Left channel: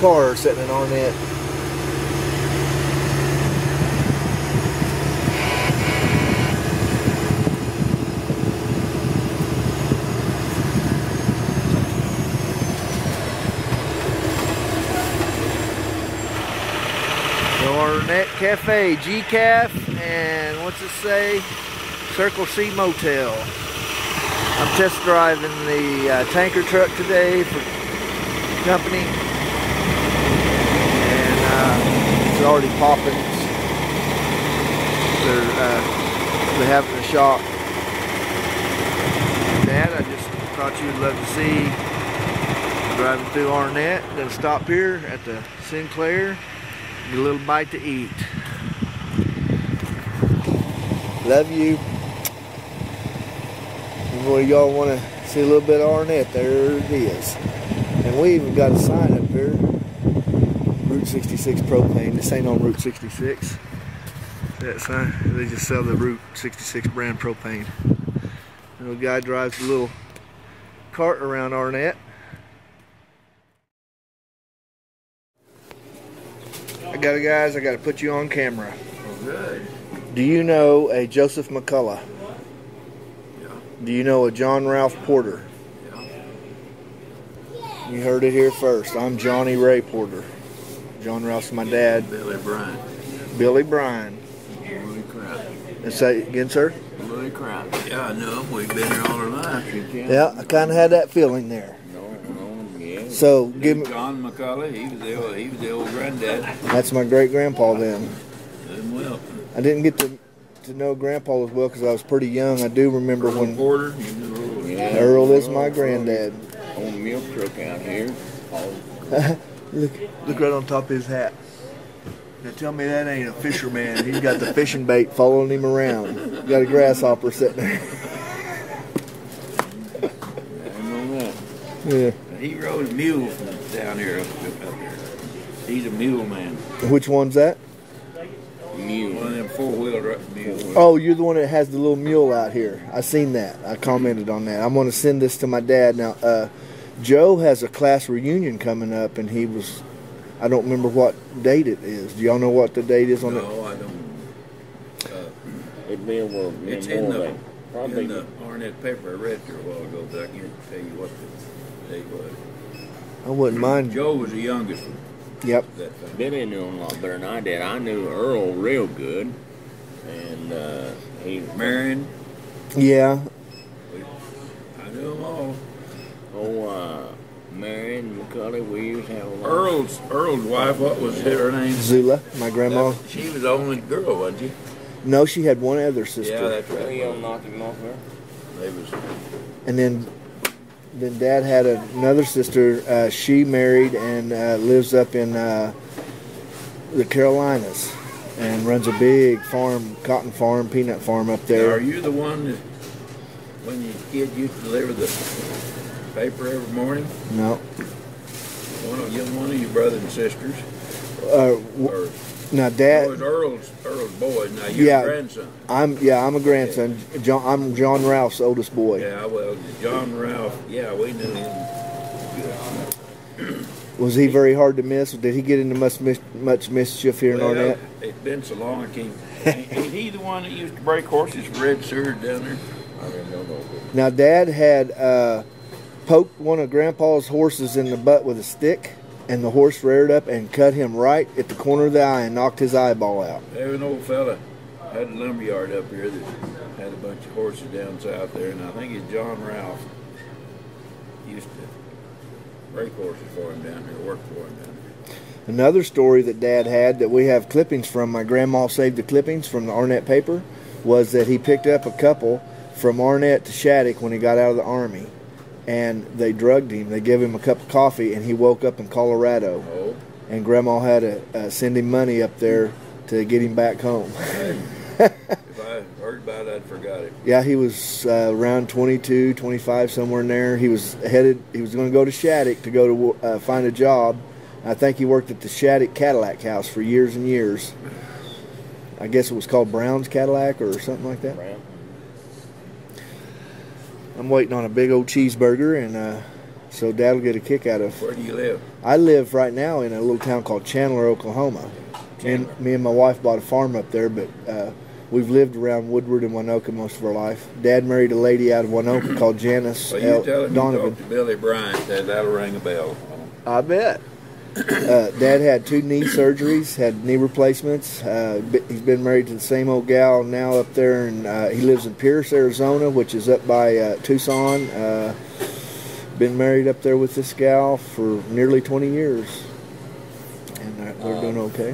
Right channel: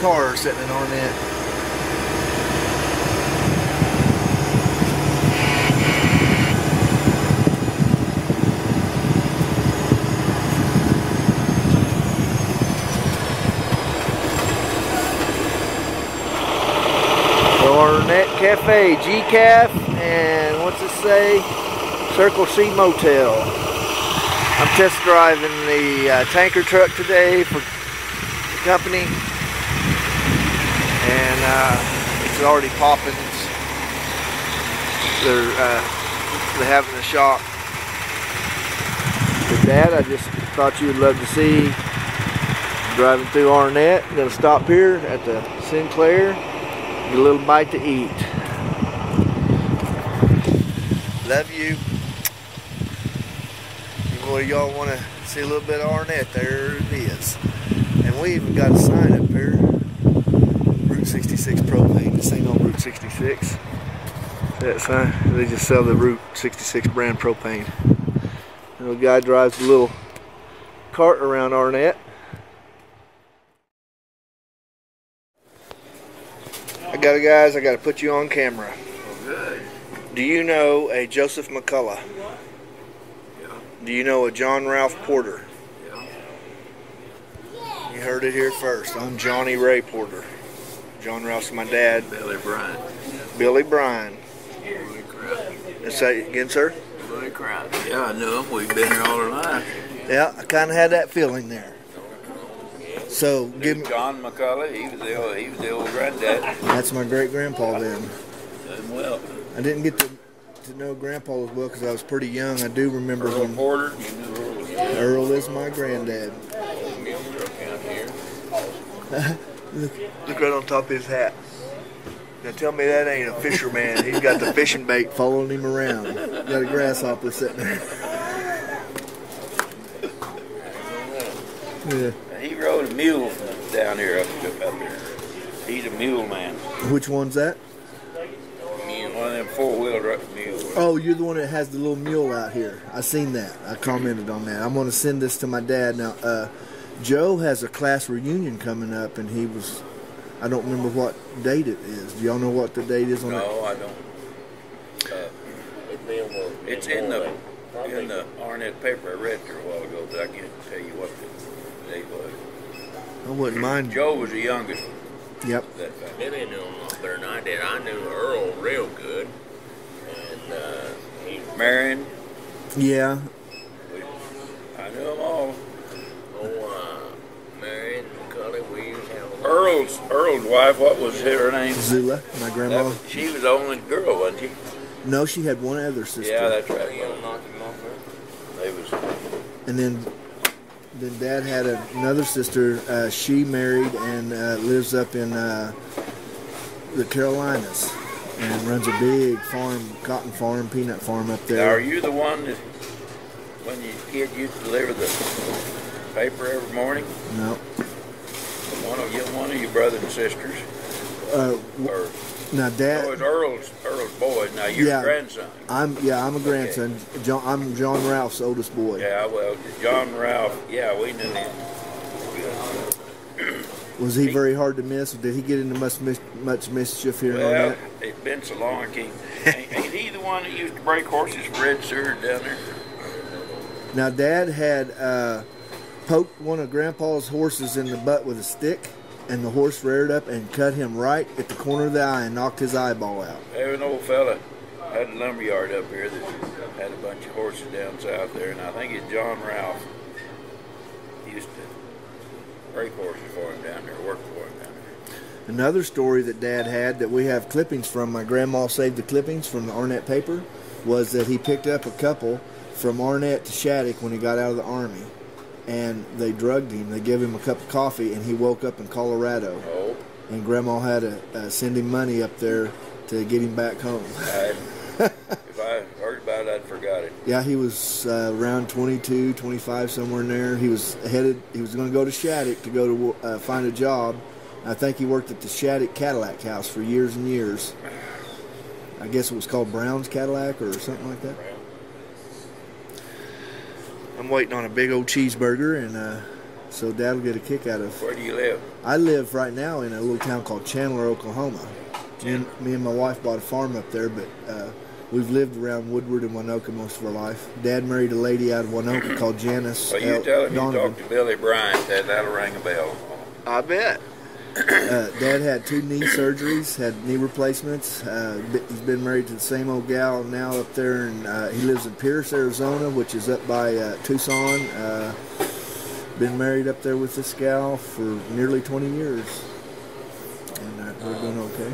car sitting in Arnett. Arnett Cafe, G-Caf, and what's it say? Circle C Motel. I'm test driving the tanker truck today for company, and it's already popping. They're having a shop. With Dad, I just thought you would love to see. I'm driving through Arnett. I'm going to stop here at the Sinclair. Get a little bite to eat. Love you. Well, y'all want to see a little bit of Arnett? There it is. And we even got a sign up here. Route 66 propane. This ain't on Route 66. That sign. They just sell the Route 66 brand propane. And the guy drives a little cart around Arnett. Guys, I got to put you on camera. Oh, good. Do you know a Joseph McCullough? Yeah. Do you know a John Ralph Porter? Yeah. You heard it here first. I'm Johnny Ray Porter. John Ralph's my dad. Billy Bryan. Billy Bryan. Louis Crown. Say it again, sir? Louis Crown. Yeah, I knew him. We've been here all our lives. Yeah, I kind of had that feeling there. So, give me, John McCullough, he was the old granddad. That's my great grandpa then. Well, I didn't get to know Grandpa as well because I was pretty young. I do remember Earl when Porter. You knew Earl. Yeah. Earl is my granddad. Old milk truck out here. Look right on top of his hat. Now tell me that ain't a fisherman. He's got the fishing bait following him around. Got a grasshopper sitting there. Yeah. He rode a mule from down here up there. He's a mule man. Which one's that? Mule. One of them four-wheeler mules. Oh, you're the one that has the little mule out here. I seen that. I commented on that. I'm going to send this to my dad. Now, Joe has a class reunion coming up, and he was, I don't remember what date it is. Do y'all know what the date is on it? No, I don't. It's in the Arnett paper. I read it a while ago, but I can't tell you what the date was. I wouldn't mind. Joe was the youngest. Yep. Billy knew him a lot better than I did. I knew Earl real good, and he Marion. Yeah. I knew them all. Oh, Marion McCullough. We used to have a Earl's wife. What was her name? Zula, my grandma. She was the only girl, wasn't she? No, she had one other sister. Yeah, that's right. They was. And then Dad had another sister. She married and lives up in the Carolinas and runs a big farm, cotton farm, peanut farm up there. Now, are you the one that, when your kid used to deliver the paper every morning? No. One of your brothers and sisters? Or now, Dad. Oh, it's Earl's boy. Now you're a grandson. I'm a grandson. Okay. I'm John Ralph's oldest boy. Yeah, well, John Ralph. Yeah, we knew him. Was he very hard to miss? Did he get into much mischief here? Well, it's been so long. Ain't he the one that used to break horses for Red Seward down there? Now, Dad had poked one of Grandpa's horses in the butt with a stick. And the horse reared up and cut him right at the corner of the eye and knocked his eyeball out. There was an old fella had a lumberyard up here that had a bunch of horses down south there, and I think it's John Ralph. He used to break horses for him down there, work for him down there. Another story that Dad had that we have clippings from, my grandma saved the clippings from the Arnett paper, was that he picked up a couple from Arnett to Shattuck when he got out of the Army. And they drugged him. They gave him a cup of coffee, and he woke up in Colorado. Oh. And Grandma had to send him money up there to get him back home. If I heard about it, I'd forgot it. Yeah, he was around 22, 25, somewhere in there. He was going to go to Shattuck to go to find a job. I think he worked at the Shattuck Cadillac house for years and years. I guess it was called Brown's Cadillac or something like that. I'm waiting on a big old cheeseburger, and So Dad will get a kick out of. Where do you live? I live right now in a little town called Chandler, Oklahoma. Me and my wife bought a farm up there, but we've lived around Woodward and Winoka most of our life. Dad married a lady out of Winoka called Janice. Well, you tell him you talked to Billy Bryant, that'll ring a bell. I bet. Dad had 2 knee surgeries, had knee replacements. He's been married to the same old gal now up there, and he lives in Pierce, Arizona, which is up by Tucson. Been married up there with this gal for nearly 20 years. And they're doing okay.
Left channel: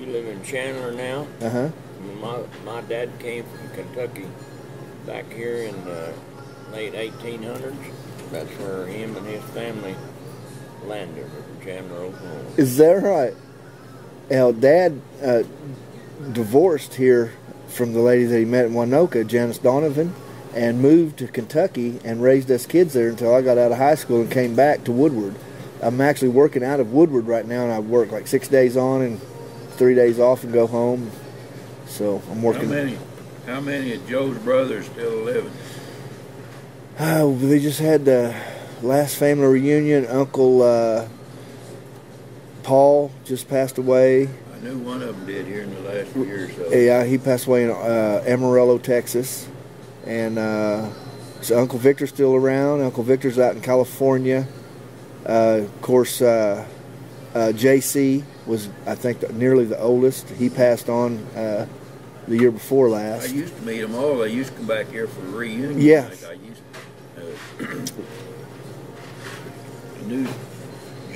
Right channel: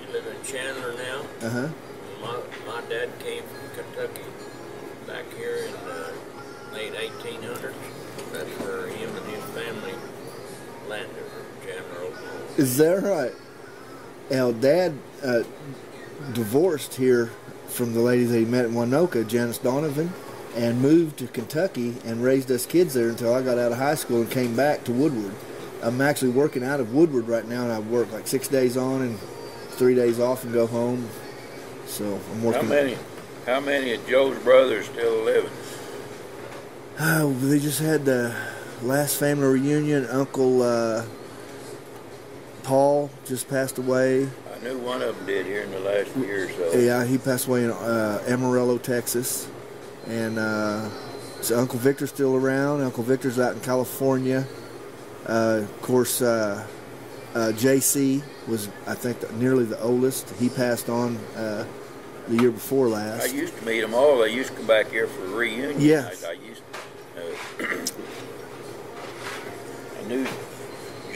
You live in Chandler now? Uh-huh. My dad came from Kentucky back here in the late 1800s. That's where him and his family landed, in Chandler, Oklahoma. Is that right? Now, Dad divorced here from the lady that he met in Winoka, Janice Donovan, and moved to Kentucky and raised us kids there until I got out of high school and came back to Woodward. I'm actually working out of Woodward right now, and I work like 6 days on and 3 days off and go home. So I'm working. How many of Joe's brothers still living? They just had the last family reunion. Uncle Paul just passed away. I knew one of them did here in the last year or so. Yeah, he passed away in Amarillo, Texas. And so Uncle Victor's still around. Uncle Victor's out in California. Of course, JC was, I think, nearly the oldest. He passed on the year before last. I used to meet them all. They used to come back here for a reunion. Yeah. I knew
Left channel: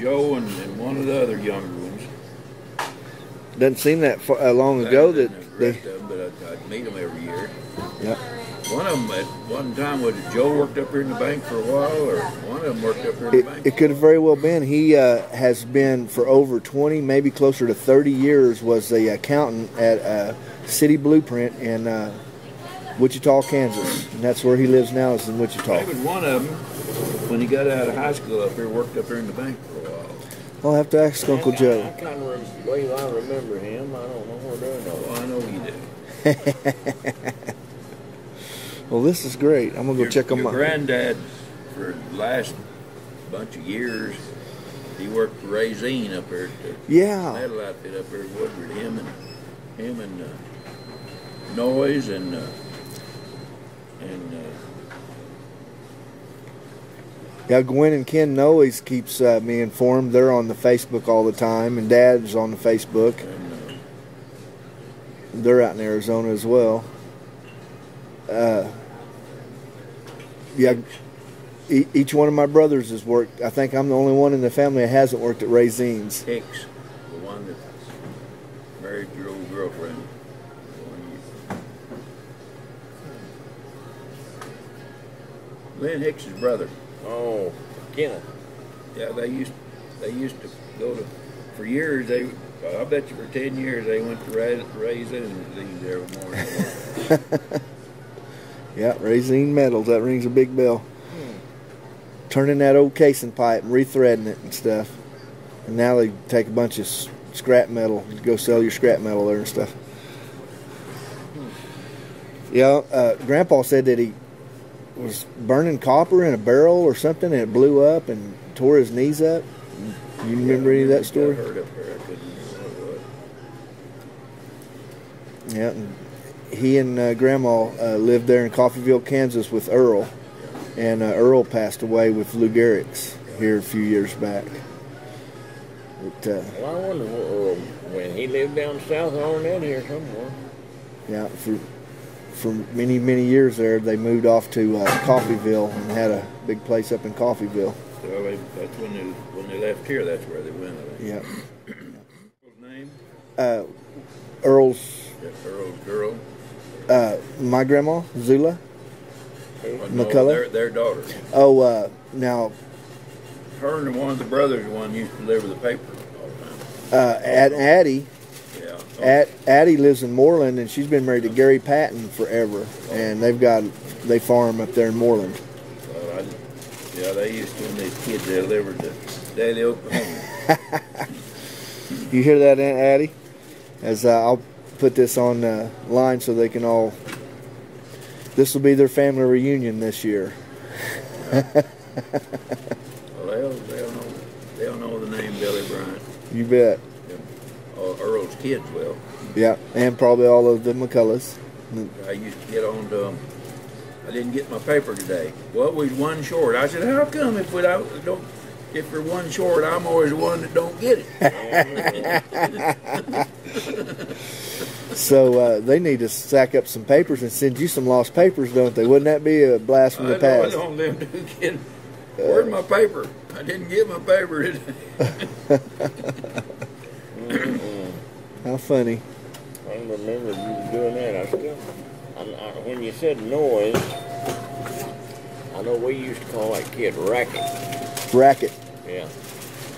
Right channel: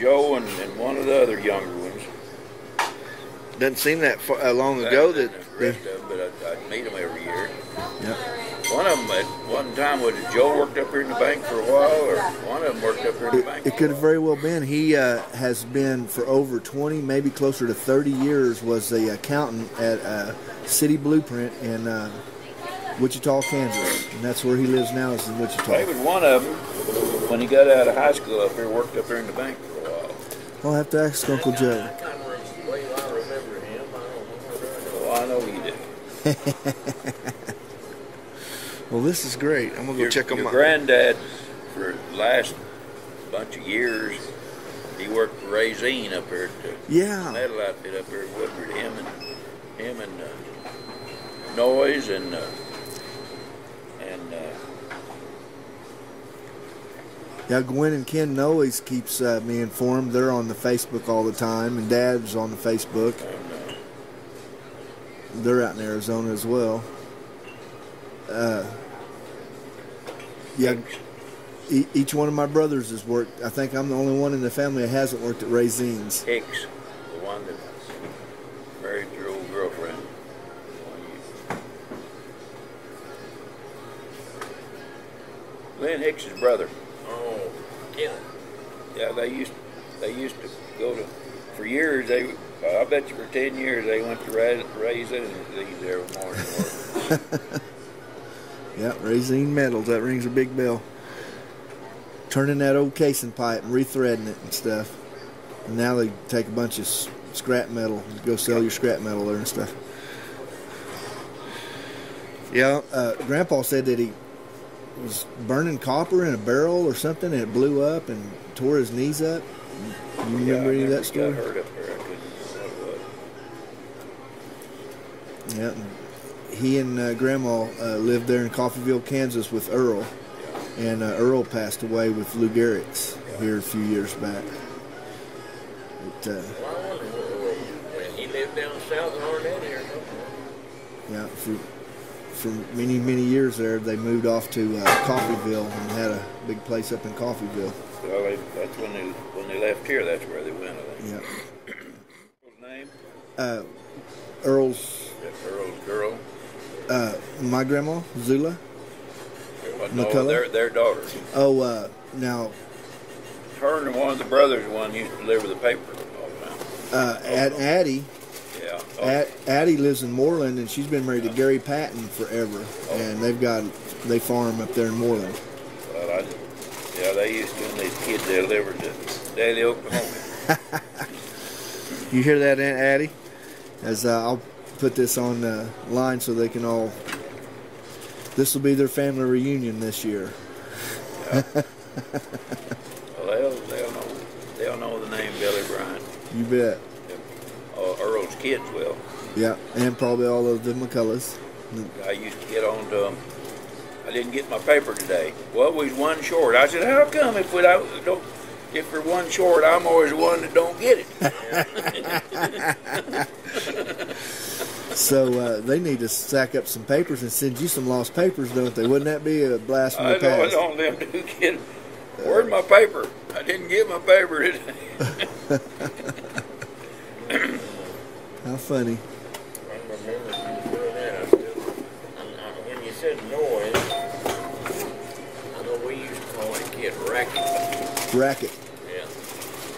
Joe and one of the other younger ones. Doesn't seem that long ago that the rest of them, but I'd meet them every year. Yeah. One of them at one time, was it Joe worked up here in the bank for a while, or one of them worked up here in the bank? It could have very well been. He has been for over 20, maybe closer to 30 years, was the accountant at City Blueprint in Wichita, Kansas. And that's where he lives now, is in Wichita. Even one of them, when he got out of high school up here, worked up here in the bank for a while. I'll have to ask Uncle Joe. I kind of believe I remember him. I don't know where they're going. Oh, I know you did. Well, this is great. I'm going to go check on my... Your granddad, for the last bunch of years, he worked for Racine up here at the metal outfit up here at Woodward. Him and Noyes and yeah, Gwen and Ken Noyes keeps me informed. They're on the Facebook all the time, and Dad's on the Facebook. and They're out in Arizona as well. Yeah, each one of my brothers has worked. I think I'm the only one in the family that hasn't worked at Razine's. Hicks, the one that married your old girlfriend. Lynn Hicks's brother. Oh, Kenneth. Yeah, they used to go to, for years, I bet you for 10 years they went to Raisin and leave there every morning. Yeah, Racine Metals, that rings a big bell. Turning that old casing pipe and rethreading it and stuff. And now they take a bunch of scrap metal, go sell your scrap metal there and stuff. Yeah, Grandpa said that he was burning copper in a barrel or something, and it blew up and tore his knees up. You remember any of that story? I got hurt up there. I couldn't remember what it was. Yeah, he and Grandma lived there in Coffeyville, Kansas with Earl. Yeah. And Earl passed away with Lou Gehrig's here a few years back. But, well, I wonder when he lived down south of Arnett here somewhere. Yeah, for many, many years there, they moved off to Coffeyville and had a big place up in Coffeyville. Well, that's when they left here. That's where they went. I think. Yeah. Earl's name? Earl's. Yeah, Earl's girl. My grandma, Zula. No, their daughter. Oh, now. Her and one of the brothers, one used to deliver the paper all the time. Addie. Yeah. Addie lives in Moreland, and she's been married to Gary Patton forever, and they farm up there in Moreland. Well, they used to, when these kids, they delivered to Daly, Oklahoma. You hear that, Aunt Addie? As I'll put this on line so they can all. This will be their family reunion this year. Yeah. Well, they'll know the name Billy Bryant. You bet. Earl's kids will. Yeah, and probably all of the McCulloughs. I used to get on to them. I didn't get my paper today. Well, we was one short. I said, how come if we're one short, I'm always the one that don't get it? So they need to stack up some papers and send you some lost papers, don't they? Wouldn't that be a blast from the I know it's past? on them two kids. Where's my paper? I didn't get my paper today. How funny. I remember you was doing that. When you said noise, I know we used to call that kid racket. Racket. Yeah.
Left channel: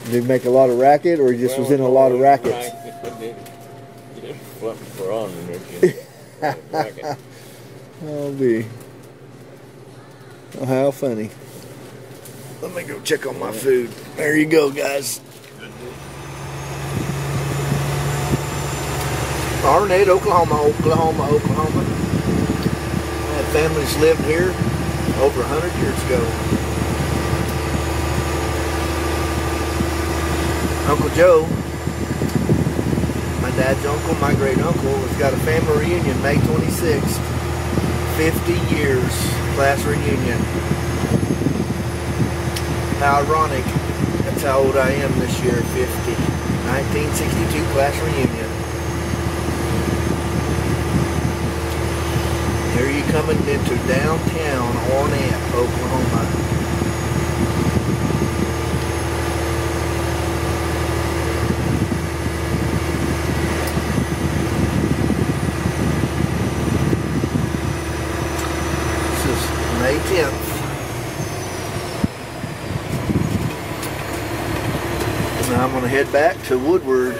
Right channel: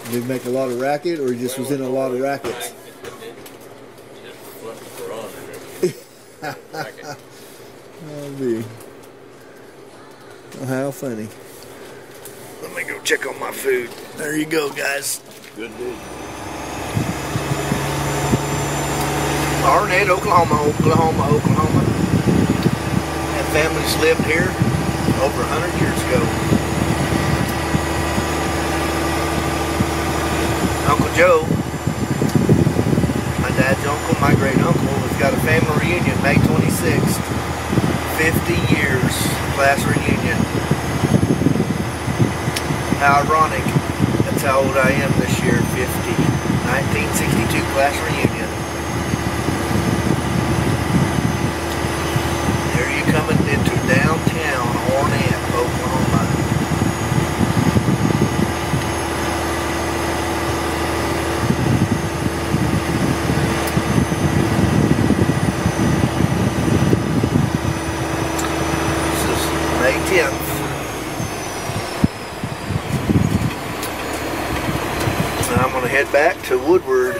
Did he make a lot of racket, or he just was in a lot of rackets? Just flipped for on and racket. Oh, be. Oh, how funny. Let me go check on my food. There you go, guys. Good deal. Arnett, Oklahoma. That family's lived here over 100 years ago. Uncle Joe, my dad's uncle, my great uncle, has got a family reunion May 26th. 50 years class reunion. How ironic. That's how old I am this year, 50. 1962 class reunion. Here you coming into downtown Arnett, Oklahoma. This is May 10th. And I'm going to head back to Woodward